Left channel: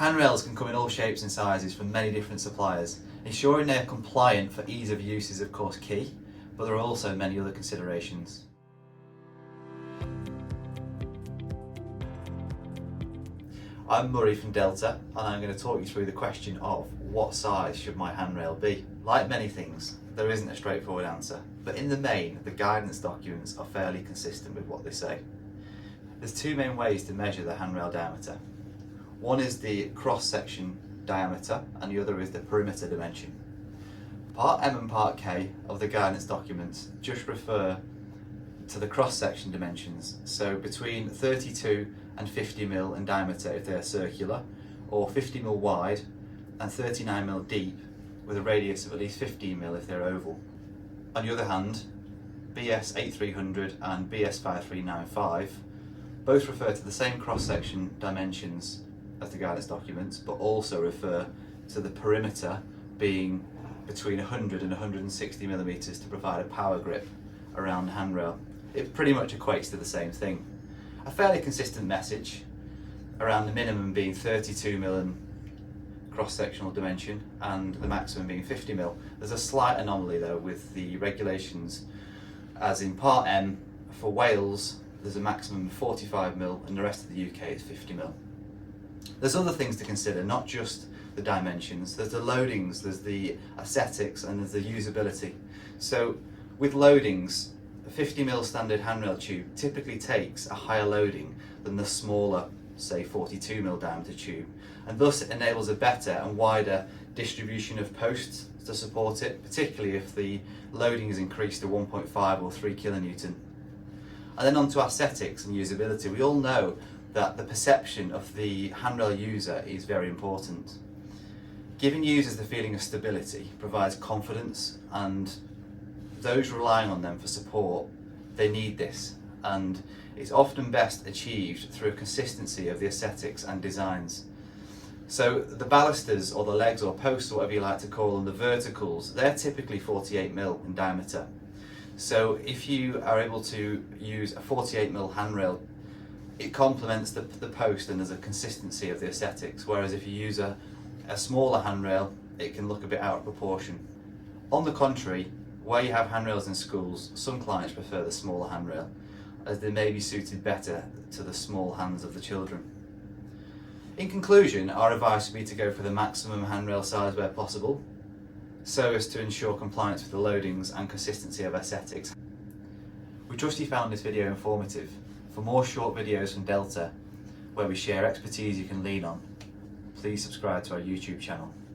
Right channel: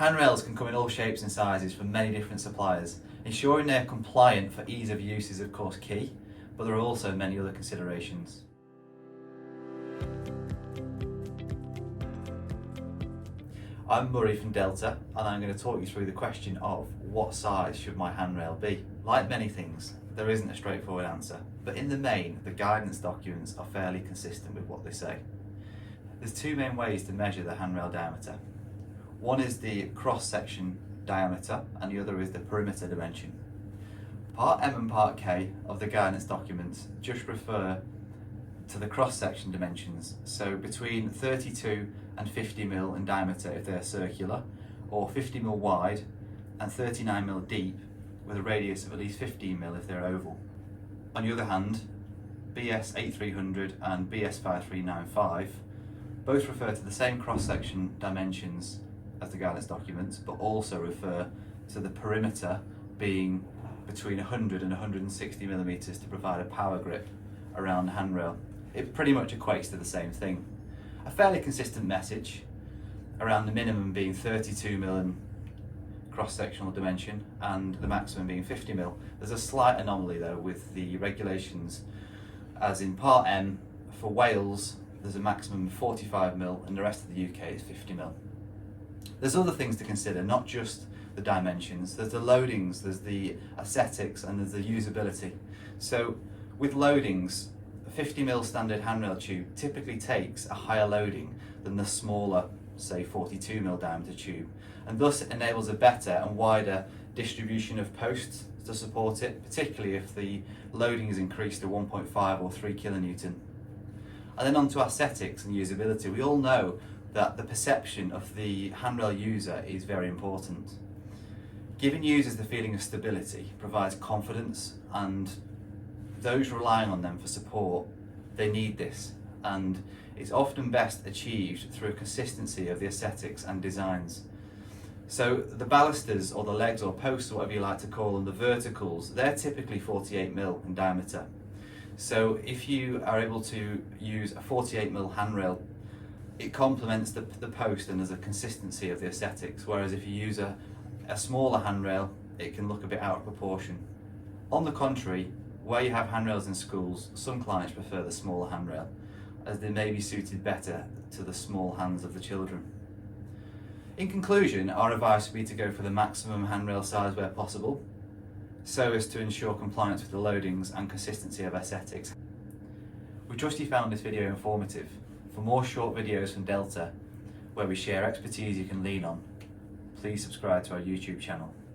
Handrails can come in all shapes and sizes from many different suppliers. Ensuring they're compliant for ease of use is of course key, but there are also many other considerations. I'm Murray from Delta, and I'm going to talk you through the question of what size should my handrail be. Like many things, there isn't a straightforward answer, but in the main, the guidance documents are fairly consistent with what they say. There's two main ways to measure the handrail diameter. One is the cross-section diameter and the other is the perimeter dimension. Part M and Part K of the guidance documents just refer to the cross-section dimensions, so between 32 and 50 mm in diameter if they're circular, or 50 mm wide and 39 mm deep with a radius of at least 15 mm if they're oval. On the other hand, BS 8300 and BS 5395 both refer to the same cross-section dimensions as the guidance documents, but also refer to the perimeter being between 100 and 160 millimeters to provide a power grip around the handrail. It pretty much equates to the same thing. A fairly consistent message around the minimum being 32 mm cross-sectional dimension and the maximum being 50 mm. There's a slight anomaly though with the regulations, as in Part M for Wales there's a maximum of 45 mm and the rest of the UK is 50 mm. There's other things to consider, not just the dimensions. There's the loadings, there's the aesthetics, and there's the usability. So with loadings, a 50 mm standard handrail tube typically takes a higher loading than the smaller, say 42 mm diameter tube, and thus it enables a better and wider distribution of posts to support it, particularly if the loading is increased to 1.5 or 3 kilonewton. And then on to aesthetics and usability. We all know that the perception of the handrail user is very important. Giving users the feeling of stability provides confidence, and those relying on them for support, they need this, and it's often best achieved through a consistency of the aesthetics and designs. So the balusters, or the legs or posts, or whatever you like to call them, the verticals, they're typically 48 mm in diameter. So if you are able to use a 48 mm handrail, it complements the post and there's a consistency of the aesthetics, whereas if you use a smaller handrail, it can look a bit out of proportion. On the contrary, where you have handrails in schools, some clients prefer the smaller handrail, as they may be suited better to the small hands of the children. In conclusion, our advice would be to go for the maximum handrail size where possible, so as to ensure compliance with the loadings and consistency of aesthetics. We trust you found this video informative. For more short videos from Delta, where we share expertise you can lean on, please subscribe to our YouTube channel.